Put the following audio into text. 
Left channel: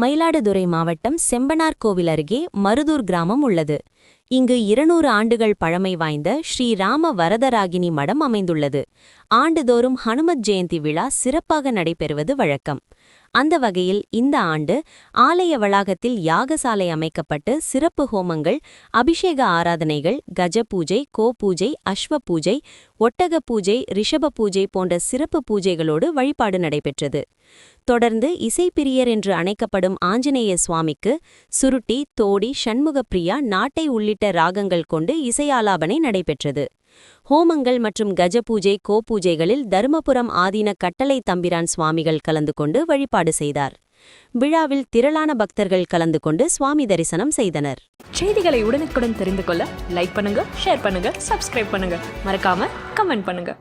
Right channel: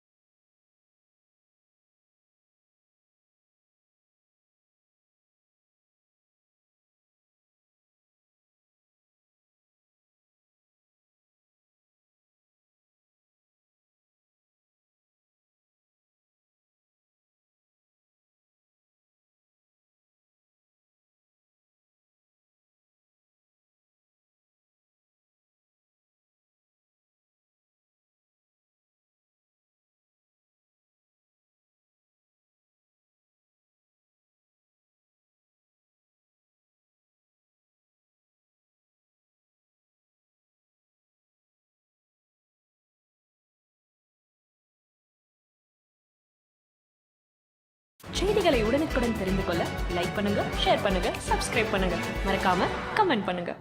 மயிலாடுதுறை மாவட்டம் செம்பனார் கோவில் அருகே மருதூர் கிராமம் உள்ளது. இங்கு இருநூறு ஆண்டுகள் பழமை வாய்ந்த ஸ்ரீ ராம வரதராகினி மடம் அமைந்துள்ளது. ஆண்டுதோறும் ஹனுமத் ஜெயந்தி விழா சிறப்பாக நடைபெறுவது வழக்கம். அந்த வகையில் இந்த ஆண்டு ஆலய வளாகத்தில் யாகசாலை அமைக்கப்பட்டு சிறப்பு ஹோமங்கள் அபிஷேக ஆராதனைகள் கஜ பூஜை கோ பூஜை அஸ்வ பூஜை ஒட்டக பூஜை ரிஷப பூஜை போன்ற சிறப்பு பூஜைகளோடு வழிபாடு நடைபெற்றது. தொடர்ந்து இசைப்பிரியர் என்று அழைக்கப்படும் ஆஞ்சநேய சுவாமிக்கு சுருட்டி தோடி சண்முகப்பிரியா நாட்டை உள்ளிட்ட ராகங்கள் கொண்டு இசையாலாபனை நடைபெற்றது. ஹோமங்கள் மற்றும் கஜ பூஜை கோ பூஜைகளில் தருமபுரம் ஆதீன கட்டளை தம்பிரான் சுவாமிகள் கலந்து கொண்டு வழிபாடு செய்தார். விழாவில் திரளான பக்தர்கள் கலந்து கொண்டு சுவாமி தரிசனம் செய்தனர். செய்திகளை உடனுக்குடன் தெரிந்து கொள்ள லைக் பண்ணுங்க ஷேர் பண்ணுங்க சப்ஸ்கிரைப் பண்ணுங்க. மறக்காம கமெண்ட் பண்ணுங்க.